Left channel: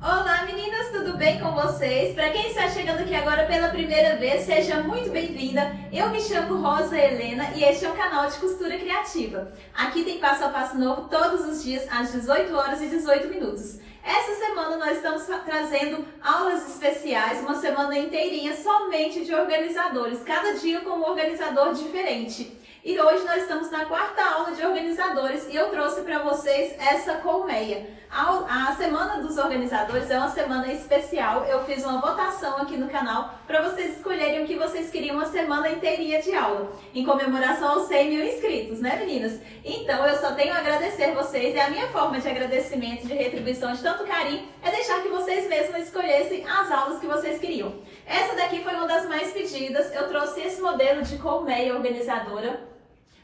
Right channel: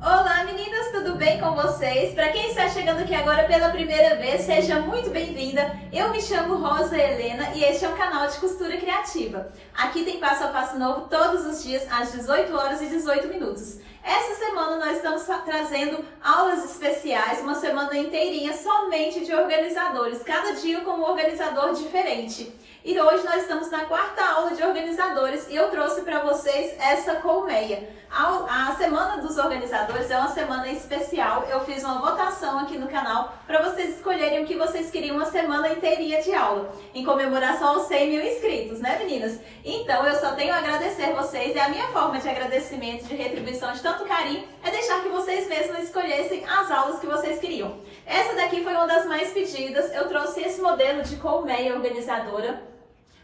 Olá meninas, tudo bem com vocês? Para quem está chegando aqui agora pela primeira vez, seja muito bem-vinda. Eu me chamo Rosa Helena e este é um canal de costura criativa. Aqui tem passo a passo novo todos os dias às 18 horas e 18 minutos. Essa semana nós estamos trazendo aulas especiais, uma semana inteirinha somente de organizadores, cada dia com um organizador diferente. E hoje nós estamos na quarta aula de organizadores e eu trouxe para vocês essa colmeia. A Semana dos Organizadores é uma semana especial. Eu fiz uma votação aqui no canal para vocês escolherem o que vocês queriam uma semana inteirinha de aula, em comemoração aos 100 mil inscritos, né meninas? Então eu só tenho a agradecer vocês e a minha forma de agradecimento, de retribuição de tanto carinho é deixar que vocês mesmos escolhessem as aulas que vocês queriam. Essa daqui foi uma das mais pedidas. Eu trouxe esse modelo de colmeia organizadora.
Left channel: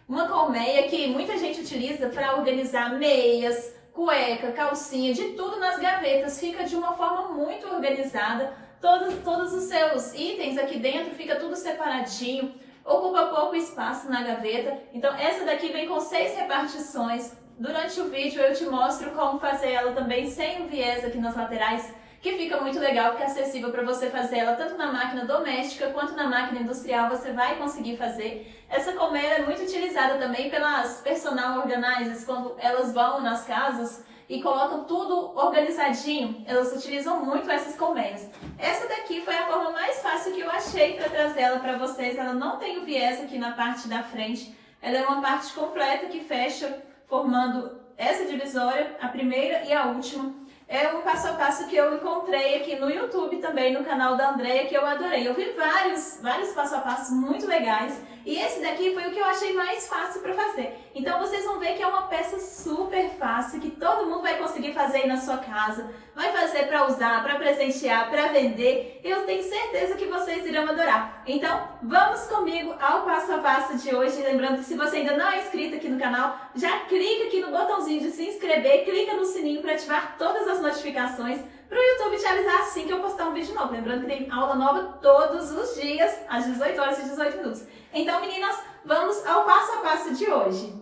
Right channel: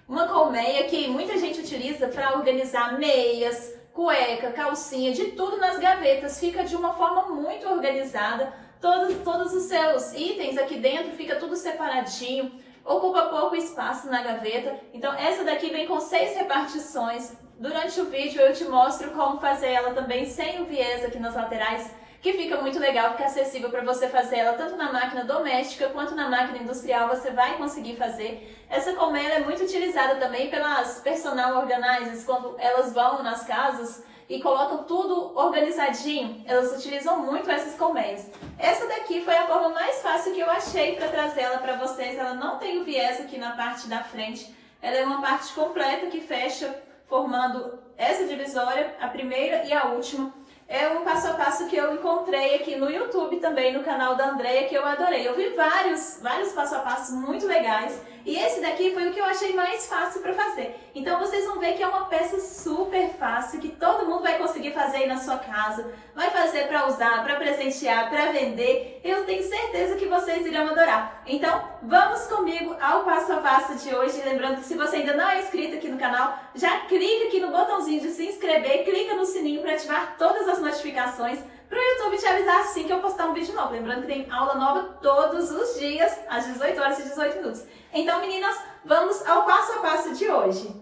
Uma colmeia que muita gente utiliza para organizar meias, cueca, calcinha, de tudo nas gavetas. Fica de uma forma muito organizada. Todos os seus itens aqui dentro, fica tudo separadinho. Ocupa pouco espaço na gaveta. Então essa daqui vem com 6 repartições. Durante o vídeo eu te mostro como fazer ela também sem o viés aqui nas laterais, que fica muito legal, fica acessível para você fazer ela tanto na máquina doméstica quanto na máquina industrial, você vai conseguir fazer. Essa colmeia é muito utilizada também pelas personal organizers, quando elas vão nas casas e colocam tudo organizadinho, elas utilizam muito essas colmeias. Essa daqui foi a forma mais fácil que eu achei para trazer ela para vocês. Ela não tem o viés aqui na parte da frente, ela é uma parte completa que fecha, formando essa divisória, a primeira e a última. É um passo a passo que eu encontrei aqui no YouTube também, no canal da Andrea, que eu adorei. Eu vi vários passo a passo muito legais e esse daqui foi o que eu achei mais fácil para fazer. Então vocês vão ver que é uma peça super fácil, que todo mundo vai conseguir fazer aí na sua casa. Vai fazer para usar, para presentear, para vender. Eu tenho certeza que vocês irão adorar. Então vamos comigo ao passo a passo de hoje. Lembrando que se você ainda não é inscrito aqui no canal, já clica aqui no botãozinho de se inscrever, clica no sininho para ativar todas as notificações para o YouTube te avisar assim que eu postar um vídeo novo. Lembrando que tem aula nova todos os dias, às 18 horas e 18 minutos. Então, meninas, vamos ao passo a passo de hoje.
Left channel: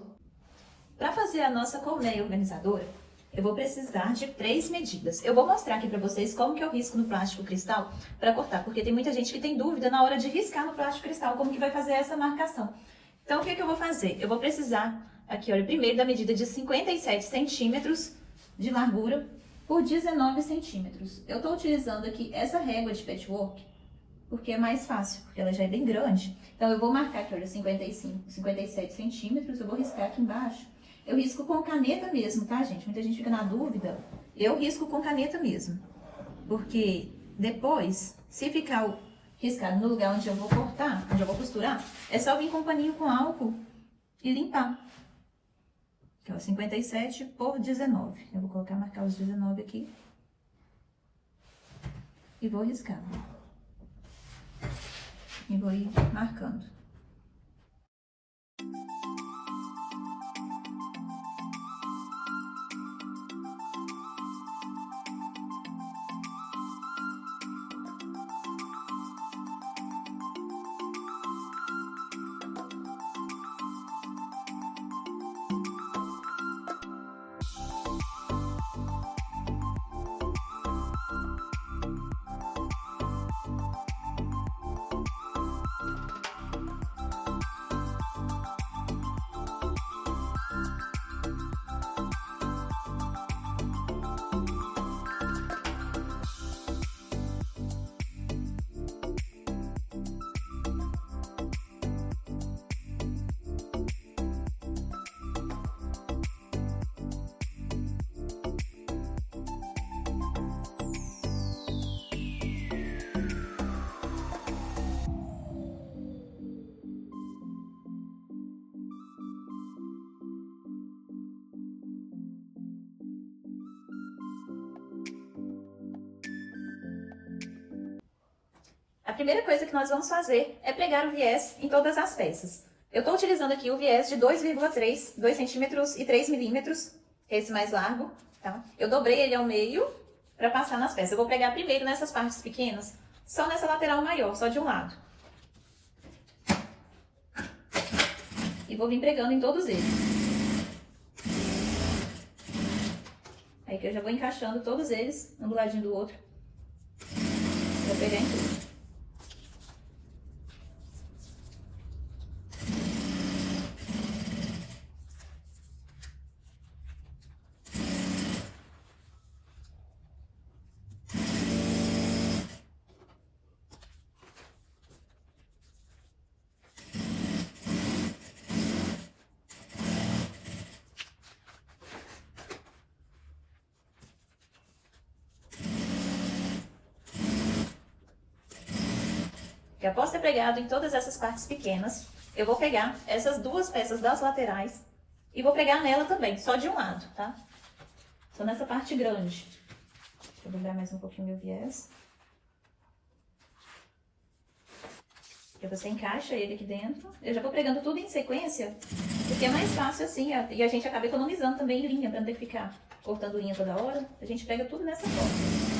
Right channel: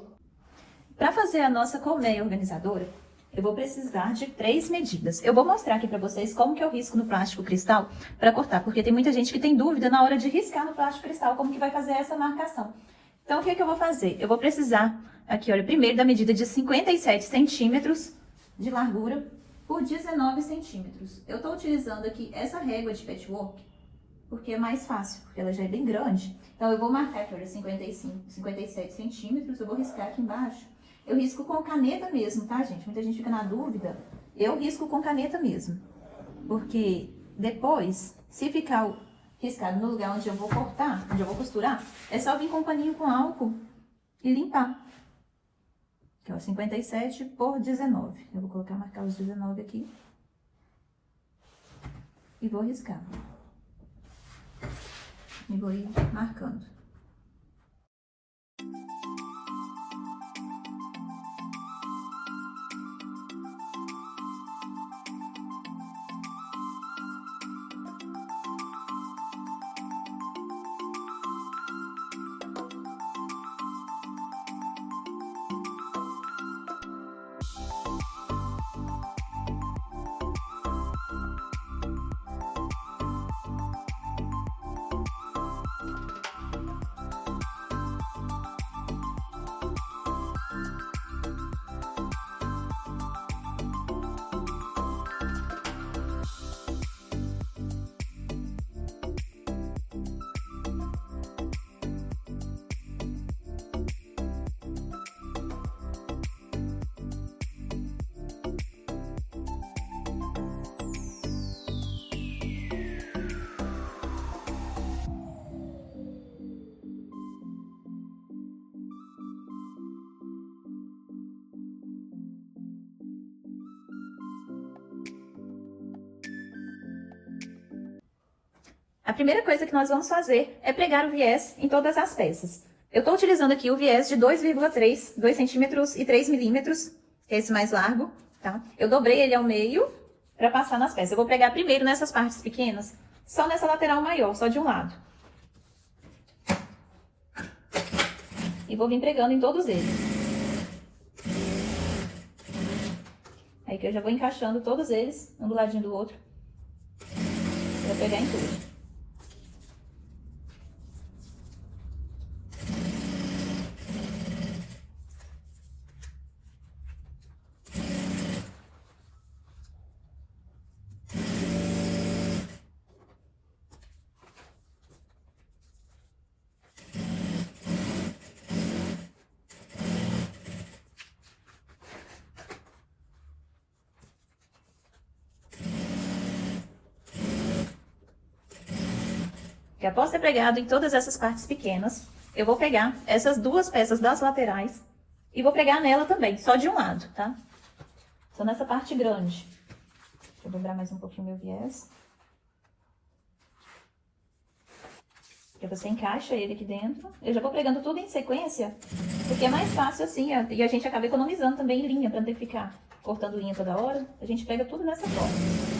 Para fazer a nossa colmeia organizadora, eu vou precisar de 3 medidas. Eu vou mostrar aqui para vocês como que eu risco no plástico cristal para cortar, porque tem muita gente que tem dúvida na hora de riscar no plástico cristal, como que vai fazer essa marcação. Então, o que eu vou fazer? Eu vou precisar, aqui, olha, primeiro da medida de 57 centímetros de largura por 19 centímetros. Eu estou utilizando aqui essa régua de patchwork, porque é mais fácil, porque ela já é bem grande. Então, eu vou marcar aqui, olha, 57 centímetros, eu vou riscar aqui embaixo. Eu risco com caneta mesmo, tá, gente? Muita gente fica na dúvida. Eu risco com caneta mesmo, porque depois, se ficar riscado no lugar onde eu vou cortar, onde eu vou costurar, é só vir com um paninho com álcool e limpar. Aqui, ó, 57 por 19. Eu vou marcar os 19 aqui. E vou riscar. E vou ir marcando. A primeira coisa que nós vamos fazer é pregar o viés em todas as peças. Eu estou utilizando aqui o viés de 2,3, 2 centímetros e 3 milímetros, esse mais largo, tá? Eu dobrei ele ao meio para passar nas peças. Eu vou pregar primeiro nessas partes pequenas, só nessa lateral maior, só de um lado. E vou vir pregando em todos eles. Aí aqui eu já vou encaixando todos eles, um do ladinho do outro. Vou pegar em tudo. E após ter pregado em todas essas partes pequenas, eu vou pegar essas duas peças das laterais e vou pregar nela também, só de um lado, tá? Só nessa parte grande. Deixa eu dobrar mais um pouquinho meu viés. E você encaixa ele aqui dentro. Eu já vou pregando tudo em sequência, porque é mais fácil assim, e a gente acaba economizando também linha, pra não ter que ficar cortando linha toda hora. A gente pega tudo nessa forma.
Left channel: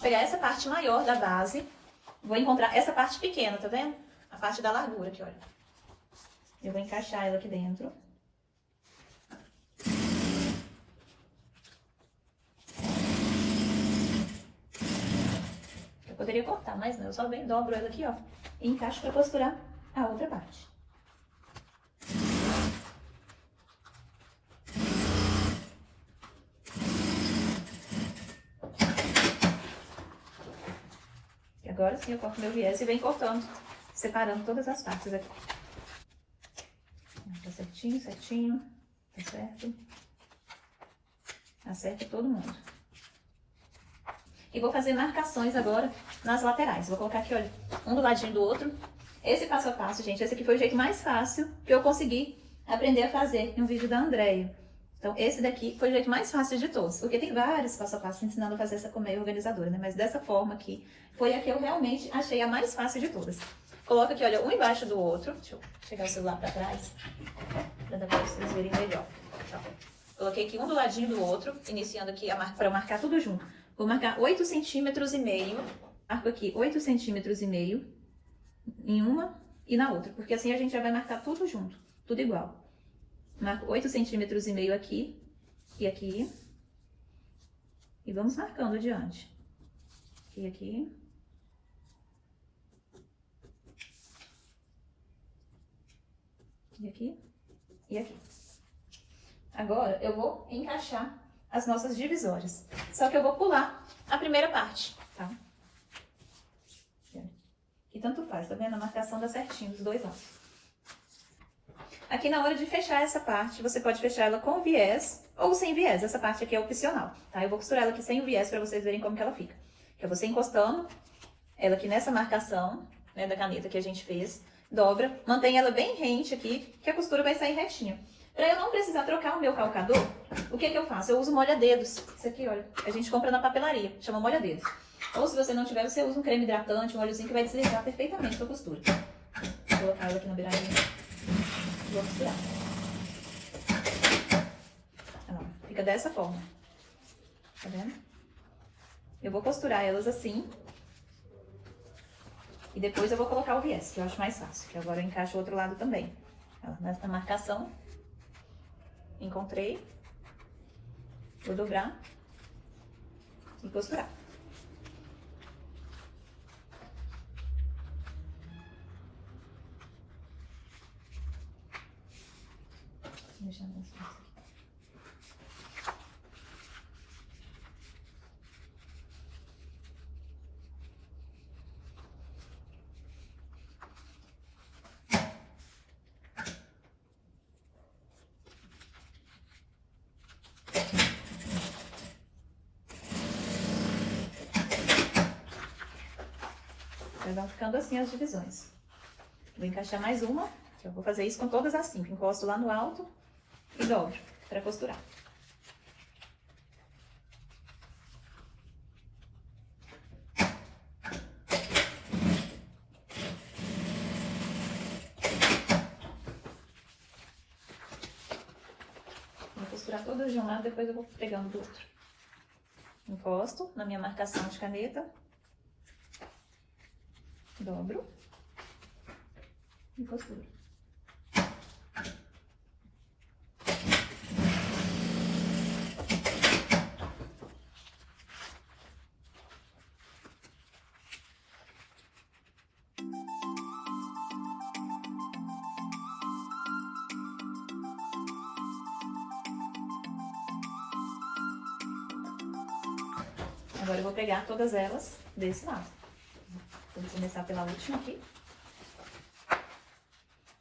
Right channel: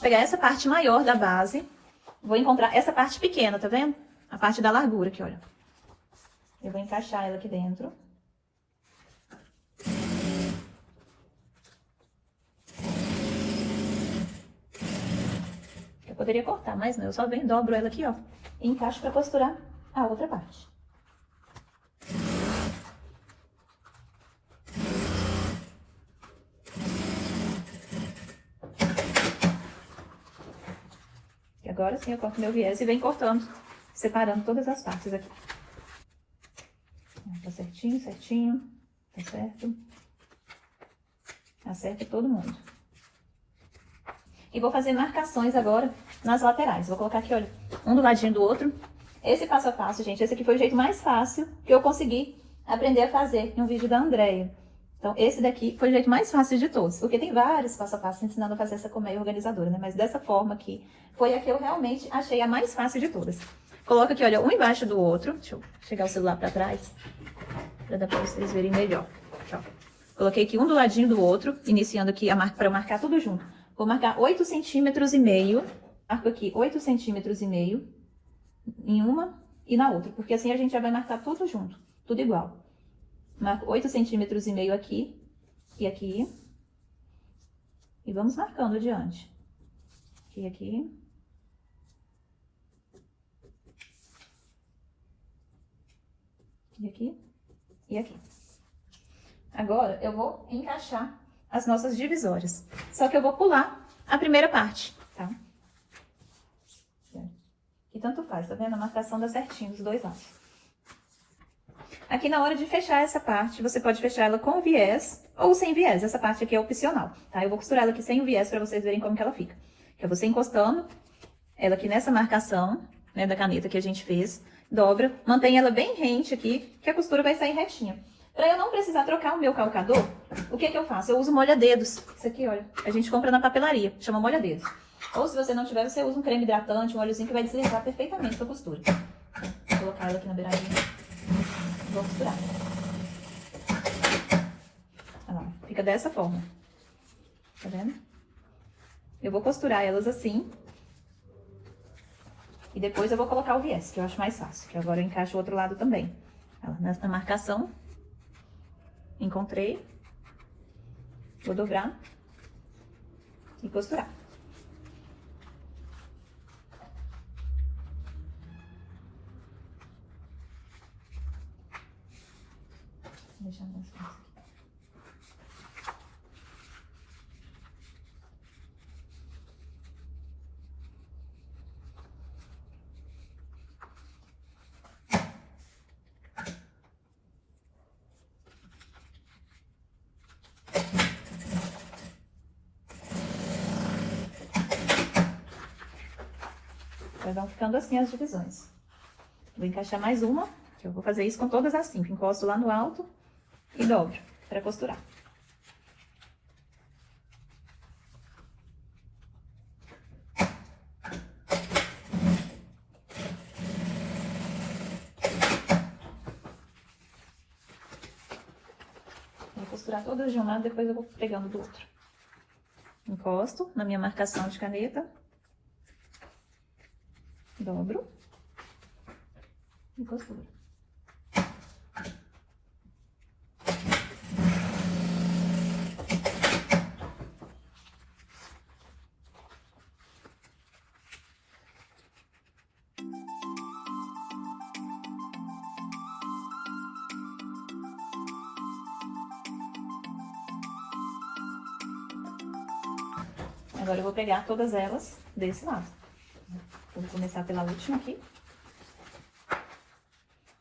Vou pegar essa parte maior da base, vou encontrar essa parte pequena, tá vendo? A parte da largura aqui, olha. Eu vou encaixar ela aqui dentro. Eu poderia cortar, mas não, eu só venho, dobro ela aqui, ó, e encaixo pra costurar a outra parte. Agora sim eu corto meu viés e venho cortando, separando todas as partes aqui. Tá certinho, certinho, tá certo. Acerta todo mundo. E vou fazer marcações agora nas laterais. Vou colocar aqui, olha, um do ladinho do outro. Esse passo a passo, gente, esse aqui foi o jeito mais fácil que eu consegui aprender a fazer em um vídeo da Andréia. Então, esse daqui foi o jeito mais fácil de todos, porque tem vários passo a passo ensinando a fazer essa colmeia organizadora, né? Mas dessa forma aqui, foi a que eu realmente achei a mais fácil de todas. Coloca aqui, olha, um embaixo do outro. Deixa eu chegar o celular pra trás, pra dar pra vocês verem melhor. Então, coloquei aqui um do ladinho do outro, iniciando aqui a marca para marcar tudo junto. Vou marcar 8,5 centímetros. Marco aqui 8,5 centímetros em uma e na outra, porque assim a gente já vai marcar tudo junto, tudo igual. Marco 8,5 centímetros aqui e aqui. E vamos marcando adiante. Aqui, aqui. E aqui. E aqui. Agora, eu vou encaixar as nossas divisórias. Só que eu vou pular a primeira parte, tá? Que tanto faz, tá vendo? A marcação dá certinho dos dois lados. Aqui na hora de fechar essa parte, você pode fechar ela com viés ou sem viés. Essa parte aqui é opcional, tá? Eu vou costurar ela aqui sem o viés pra vocês verem como que ela fica. Que é você encostando ela aqui nessa marcação, né, da caneta que a gente fez, dobra, mantém ela bem rente aqui, que a costura vai sair retinha. Pra eu não precisar trocar o meu calcador, o que que eu faço? Eu uso molha-dedos. Isso aqui, olha, a gente compra na papelaria, chama molha-dedos. Ou se você não tiver, você usa um creme hidratante, um óleozinho que vai deslizar perfeitamente com a costura. Vou colocar ela aqui na beiradinha. Vou costurar. Ó, fica dessa forma. Tá vendo? Eu vou costurar elas assim. E depois eu vou colocar o viés, que eu acho mais fácil. Que agora eu encaixo o outro lado também. Ó, nessa marcação. Encontrei. Vou dobrar. E costurar. Vou deixar mais fácil aqui. Vão ficando assim as divisões. Vou encaixar mais uma, que eu vou fazer isso com todas as 5. Encosto lá no alto e dobro para costurar. costurar todas de um lado, depois eu vou pegando do outro. Encosto na minha marcação de caneta. Dobro. E costuro. Agora eu vou pegar todas elas desse lado. Vou começar pela última aqui.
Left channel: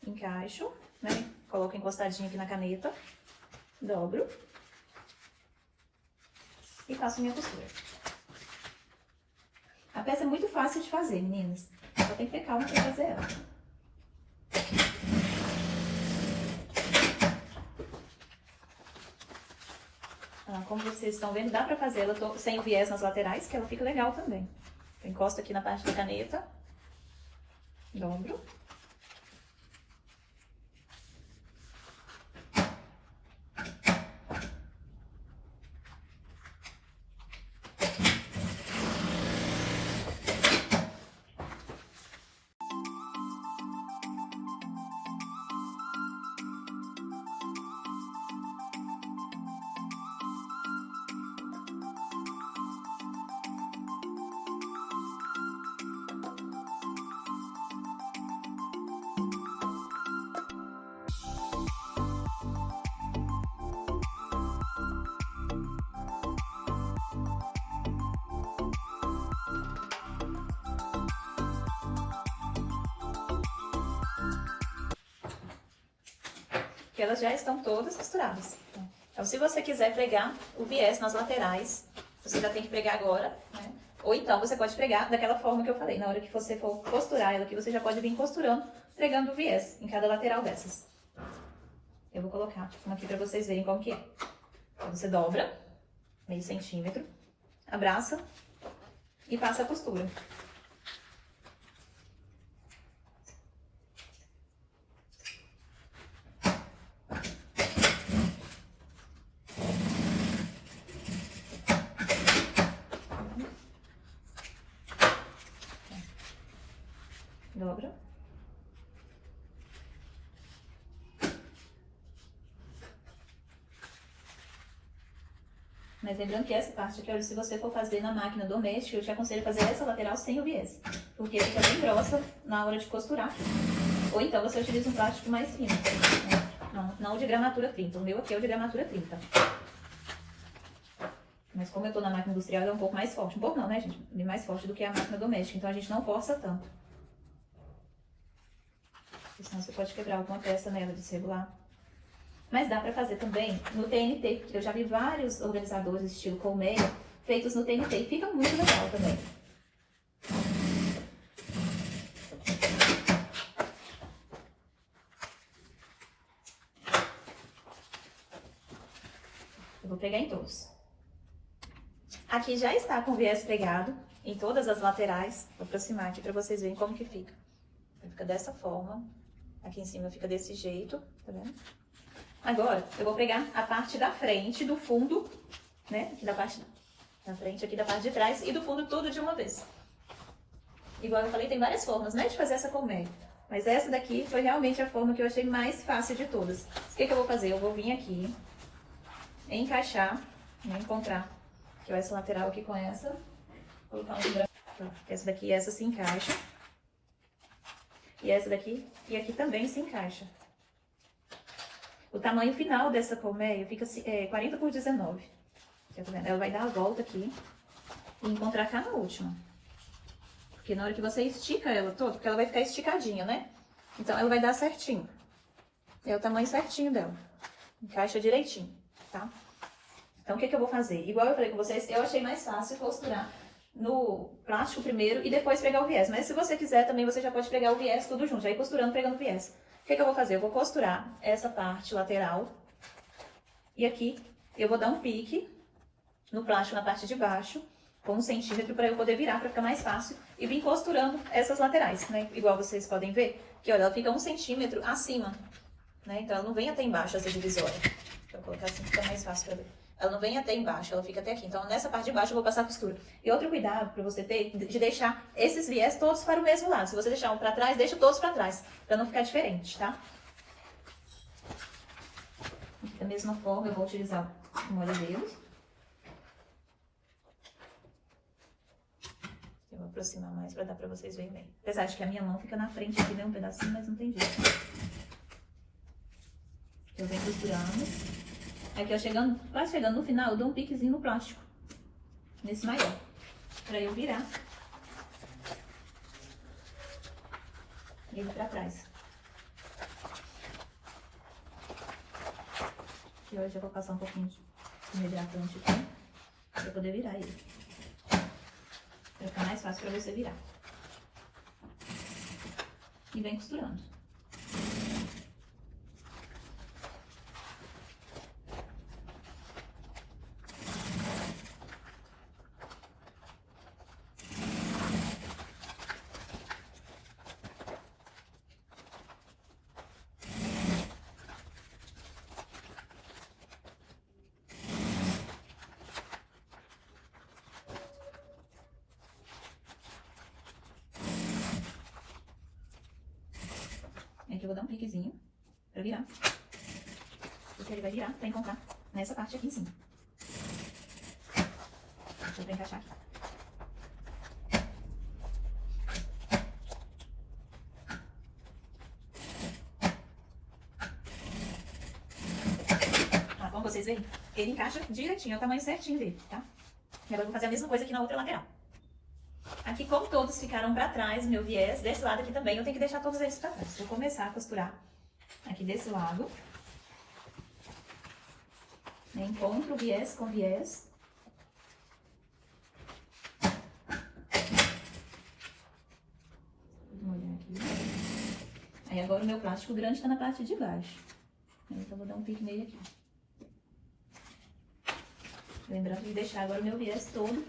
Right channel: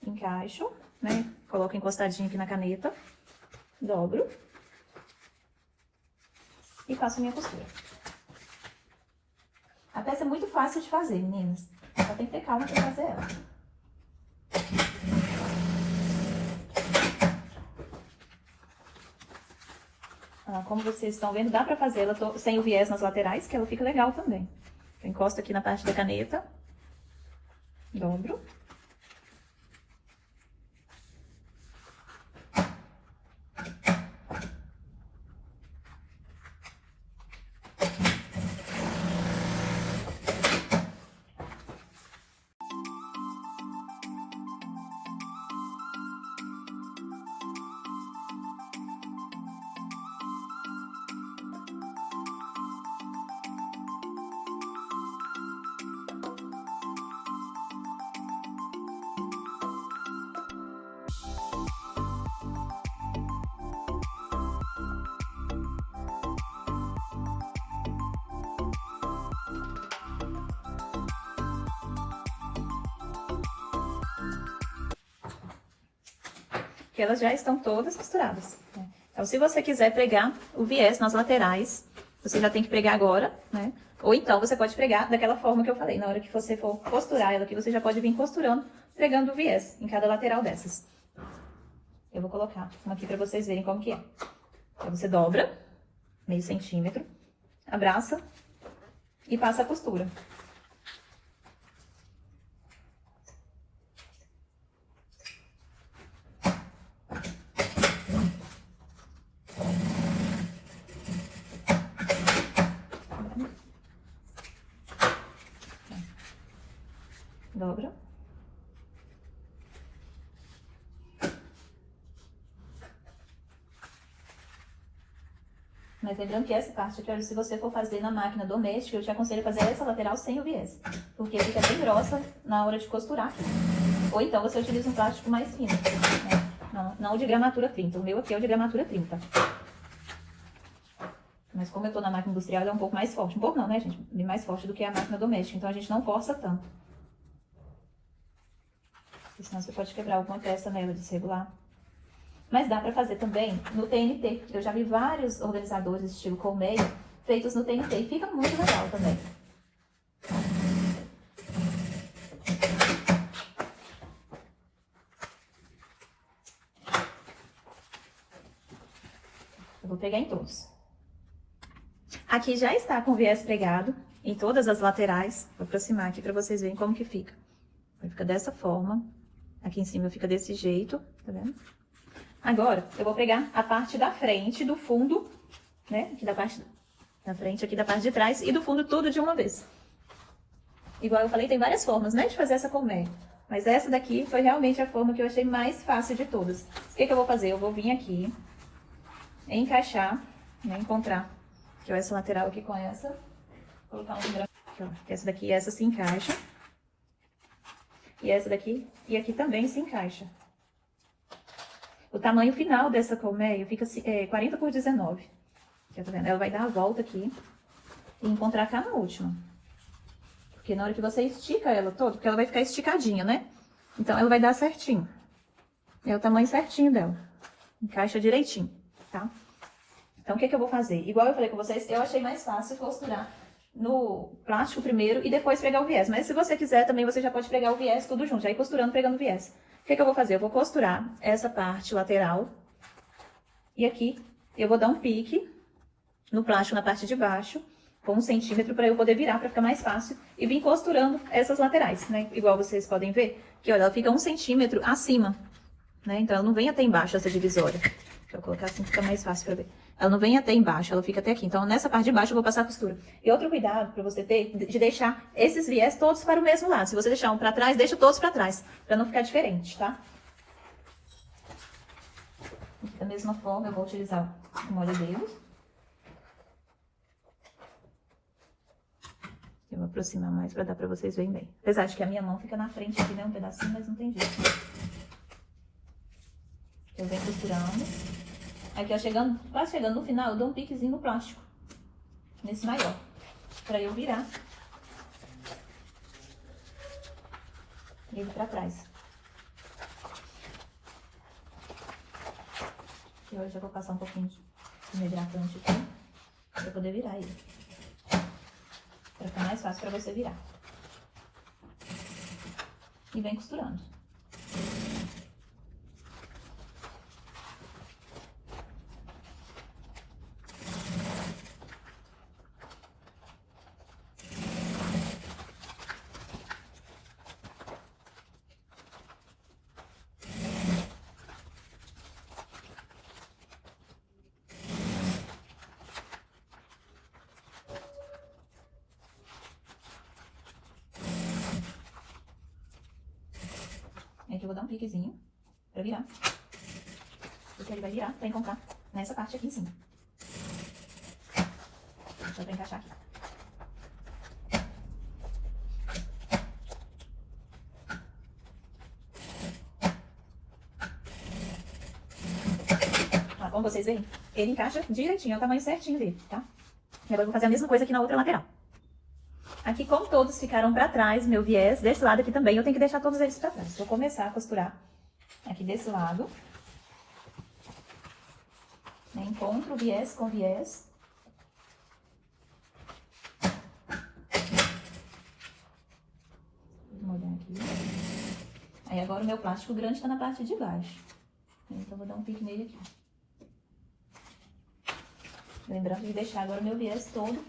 Encaixo, né? Coloco encostadinho aqui na caneta. Dobro. E faço minha costura. A peça é muito fácil de fazer, meninas. Só tem que ter calma pra fazer ela. Como vocês estão vendo, dá pra fazer ela sem o viés nas laterais, que ela fica legal também. Eu encosto aqui na parte da caneta. Dobro. Que elas já estão todas costuradas. Então, se você quiser pregar o viés nas laterais, você já tem que pregar agora, né? Ou então, você pode pregar daquela forma que eu falei. Na hora que você for costurar ela aqui, você já pode vir costurando, pregando o viés em cada lateral dessas. Eu vou colocar uma aqui pra vocês verem como que é. Então, você dobra, meio centímetro, abraça e passa a costura. Dobra. Mas lembrando que essa parte aqui, se você for fazer na máquina doméstica, eu te aconselho a fazer essa lateral sem o viés. Porque fica bem grossa na hora de costurar. Ou então você utiliza um plástico mais fino. Né? Não de gramatura 30. O meu aqui é o de gramatura 30. Mas como eu tô na máquina industrial, ela é um pouco mais forte. Um pouco não, né, gente? Bem mais forte do que a máquina doméstica. Então a gente não força tanto. Senão você pode quebrar alguma peça nela desregular. Mas dá pra fazer também no TNT. Eu já vi vários organizadores estilo colmeia feitos no TNT. E fica muito legal também. Eu vou pegar em todos. Aqui já está com o viés pregado em todas as laterais. Vou aproximar aqui pra vocês verem como que fica. Fica dessa forma. Aqui em cima fica desse jeito, tá vendo? Agora, eu vou pregar a parte da frente, do fundo, né? Aqui da parte da frente, aqui da parte de trás e do fundo tudo de uma vez. Igual eu falei, tem várias formas, né? De fazer essa colmeia. Mas essa daqui foi realmente a forma que eu achei mais fácil de todas. O que que eu vou fazer? Eu vou vir aqui, encaixar, né? Encontrar aqui, ó, essa lateral aqui com essa. Vou colocar um branco. Essa daqui e essa se encaixa. E essa daqui, e aqui também se encaixa. O tamanho final dessa colmeia fica 40 por 19. Tá vendo? Ela vai dar a volta aqui e encontrar cá na última. Porque na hora que você estica ela toda, porque ela vai ficar esticadinha, né? Então ela vai dar certinho. É o tamanho certinho dela. Encaixa direitinho, tá? Então o que que eu vou fazer? Igual eu falei com vocês, eu achei mais fácil costurar no plástico primeiro e depois pregar o viés. Mas se você quiser também, você já pode pregar o viés tudo junto, já ir costurando, pregando o viés. O que que eu vou fazer? Eu vou costurar essa parte lateral. E aqui eu vou dar um pique no plástico na parte de baixo, com 1 centímetro, para eu poder virar, para ficar mais fácil. E vir costurando essas laterais, né? Igual vocês podem ver, que olha, ela fica 1 centímetro acima, né? Então ela não vem até embaixo essa divisória. eu colocar assim, fica mais fácil pra ver. Ela não vem até embaixo, ela fica até aqui. Então, nessa parte de baixo eu vou passar a costura. E outro cuidado pra você ter, de deixar esses viés todos para o mesmo lado. Se você deixar um pra trás, deixa todos pra trás, pra não ficar diferente, tá? Da mesma forma, eu vou utilizar o molha-dedos. Eu vou aproximar mais pra dar pra vocês verem bem. Apesar de que a minha mão fica na frente aqui, né? Um pedacinho, mas não tem jeito. Eu venho costurando. Aqui, ó, quase chegando no final, eu dou um piquezinho no plástico. Nesse maior. Pra eu virar. Ele pra trás. E hoje eu vou passar um pouquinho de hidratante aqui. Pra poder virar ele. Pra ficar mais fácil pra você virar. E vem costurando. Aqui eu vou dar um piquezinho pra virar. Porque ele vai virar pra encontrar nessa parte aqui em cima. Deixa eu encaixar aqui. Ó, como vocês veem, ele encaixa direitinho, é o tamanho certinho dele, tá? E agora eu vou fazer a mesma coisa aqui na outra lateral. Aqui, como todos ficaram pra trás, meu viés, desse lado aqui também, eu tenho que deixar todos eles pra trás. Vou começar a costurar aqui desse lado. Encontro o viés com viés. Vou molhar aqui. Aí agora o meu plástico grande tá na parte de baixo. Então, vou dar um pique nele aqui. Lembrando de deixar agora o meu viés todo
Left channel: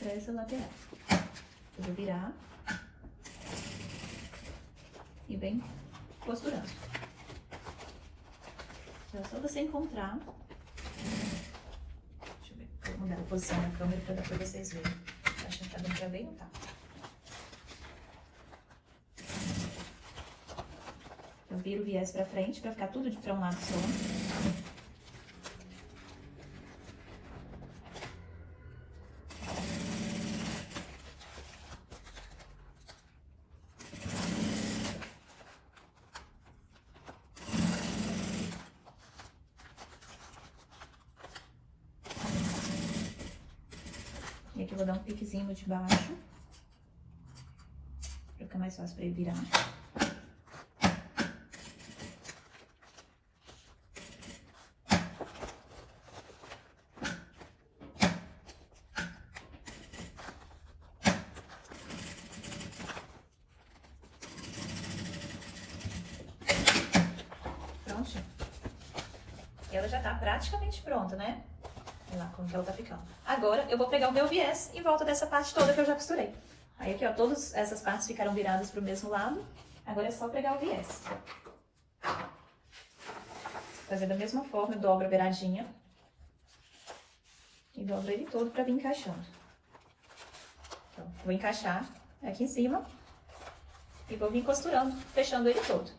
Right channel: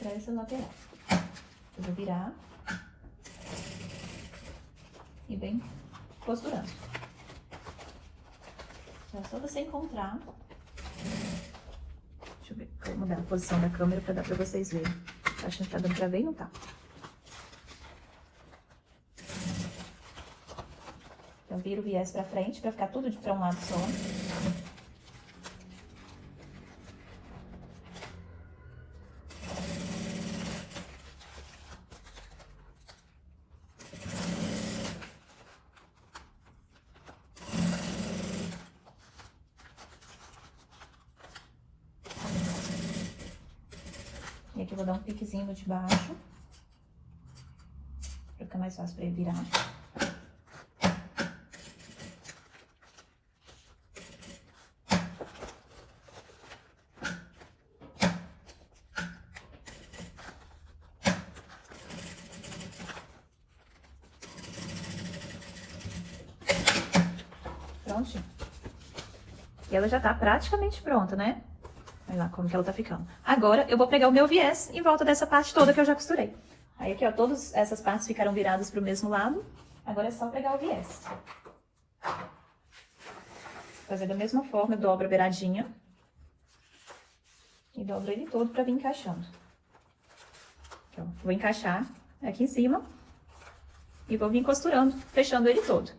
pra essa lateral. Eu vou virar e bem costurando. É só você encontrar. Deixa eu ver, vou mudar a posição da câmera pra dar pra vocês verem. Acho que tá dando pra ver e não tá. Eu viro o viés pra frente pra ficar tudo pra um lado só. E aqui eu vou dar um piquezinho de baixo, pra ficar mais fácil pra ele virar. Prontinho. E ela já tá praticamente pronta, né? Olha lá como que ela tá ficando. Agora, eu vou pegar o meu viés em volta dessa parte toda que eu já costurei. Aí aqui, ó, todas essas partes ficaram viradas pro mesmo lado. Agora é só pegar o viés. Fazendo da mesma forma, eu dobro a beiradinha. E dobro ele todo pra vir encaixando. Então, vou encaixar aqui em cima. E vou vir costurando, fechando ele todo.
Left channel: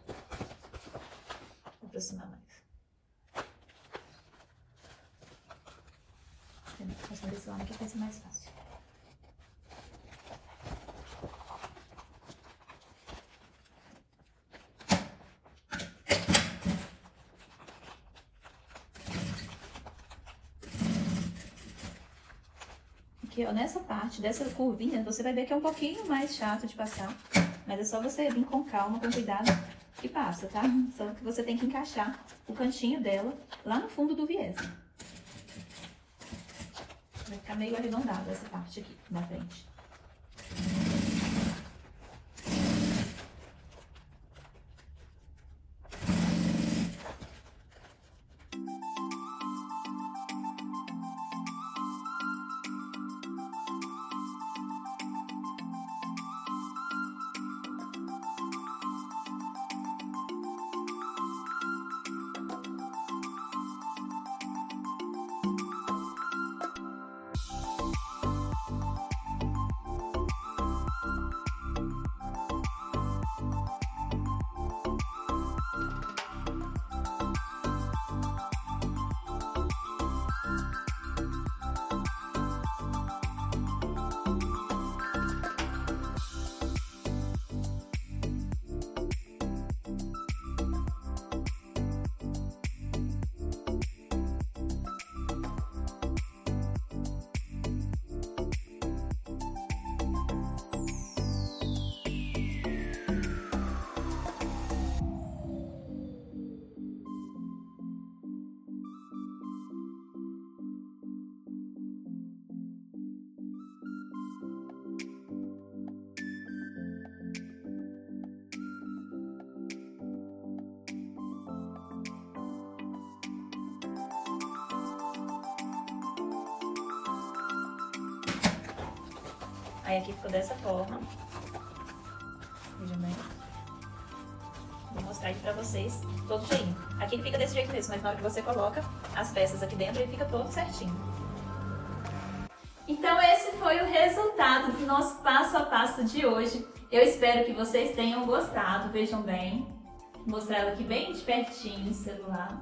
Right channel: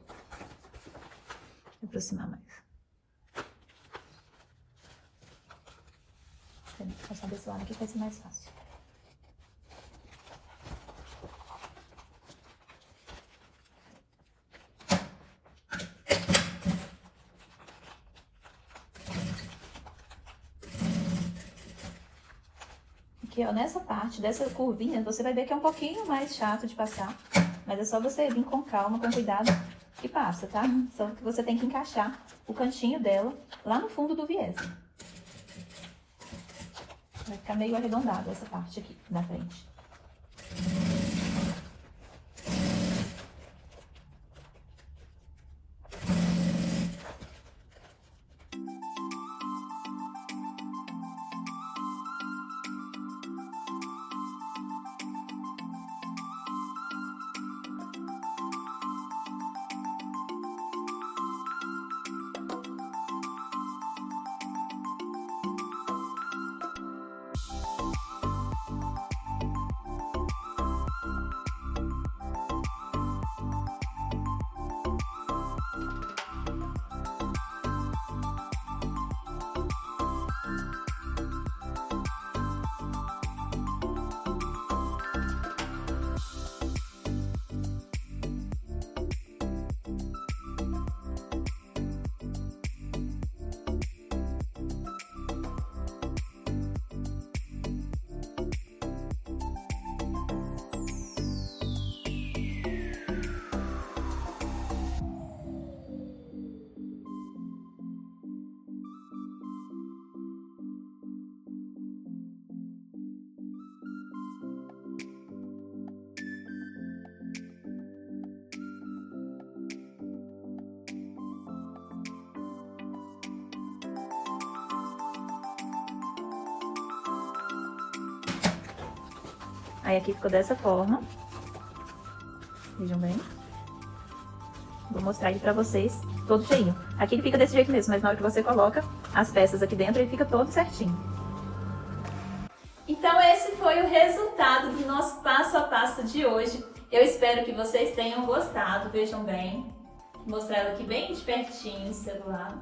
Vou aproximar mais. Vou passar desse lado aqui vai ser mais fácil. Aqui, ó, nessa parte dessa curvinha, você vai ver que é um pouquinho mais chato de passar. Mas é só você vir com calma, com cuidado e passa, tá? Só que você tem que encaixar o cantinho dela lá no fundo do viés. Vai ficar meio arredondado essa parte aqui, na frente. Aí aqui ficou dessa forma. Vejam bem. Vou mostrar ele pra vocês todo cheinho. Aqui ele fica desse jeito mesmo, mas na hora que você coloca as peças aqui dentro, ele fica todo certinho. Então esse foi o resultado do nosso passo a passo de hoje. Eu espero que vocês tenham gostado, vejam bem. Vou mostrar ela aqui bem de pertinho no celular,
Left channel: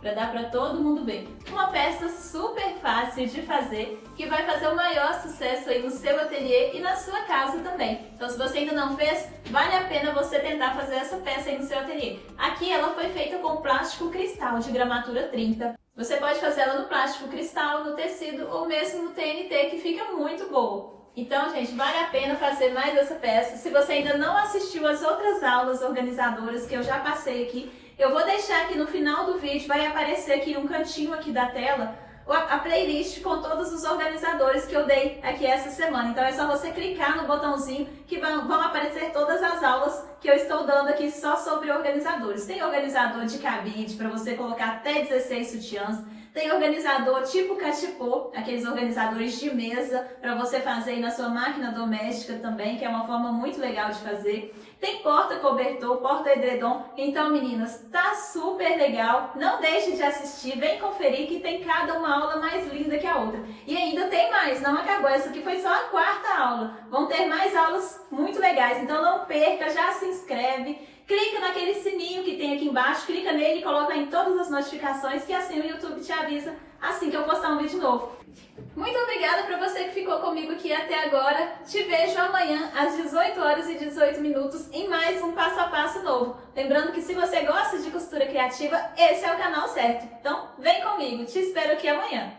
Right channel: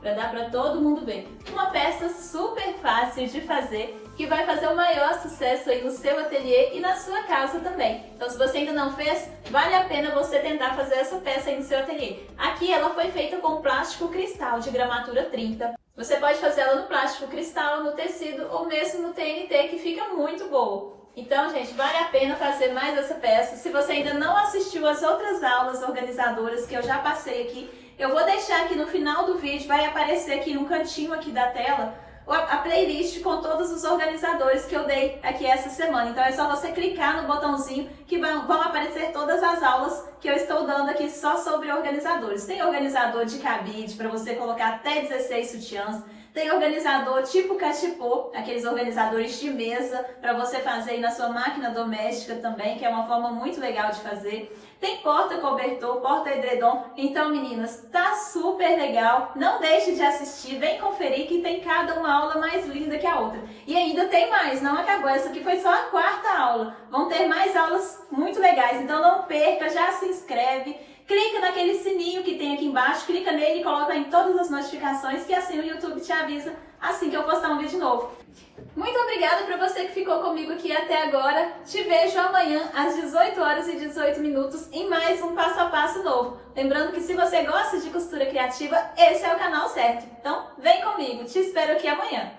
para dar para todo mundo ver. Uma peça super fácil de fazer, que vai fazer o maior sucesso aí no seu ateliê e na sua casa também. Então se você ainda não fez, vale a pena você tentar fazer essa peça aí no seu ateliê. Aqui ela foi feita com plástico cristal de gramatura 30. Você pode fazer ela no plástico cristal, no tecido ou mesmo no TNT, que fica muito boa. Então, gente, vale a pena fazer mais essa peça. Se você ainda não assistiu às outras aulas organizadoras que eu já passei aqui, eu vou deixar aqui no final do vídeo, vai aparecer aqui no cantinho aqui da tela, a playlist com todos os organizadores que eu dei aqui essa semana. Então é só você clicar no botãozinho que vão aparecer todas as aulas que eu estou dando aqui só sobre organizadores. Tem organizador de cabide para você colocar até 16 sutiãs. Tem organizador tipo cachepô, aqueles organizadores de mesa para você fazer aí na sua máquina doméstica também, que é uma forma muito legal de fazer. Tem porta-cobertor, porta-edredom. Então, meninas, tá super legal. Não deixe de assistir, vem conferir que tem cada uma aula mais linda que a outra. E ainda tem mais, não acabou. Essa aqui foi só a quarta aula. Vão ter mais aulas muito legais, então não perca, já se inscreve. Clica naquele sininho que tem aqui embaixo, clica nele e coloca em todas as notificações, que assim o YouTube te avisa assim que eu postar um vídeo novo. Muito obrigada para você que ficou comigo aqui até agora. Te vejo amanhã às 18 horas e 18 minutos em mais um passo a passo novo. Lembrando que se você gosta de costura criativa, esse é o canal certo. Então, vem comigo, te espero aqui amanhã.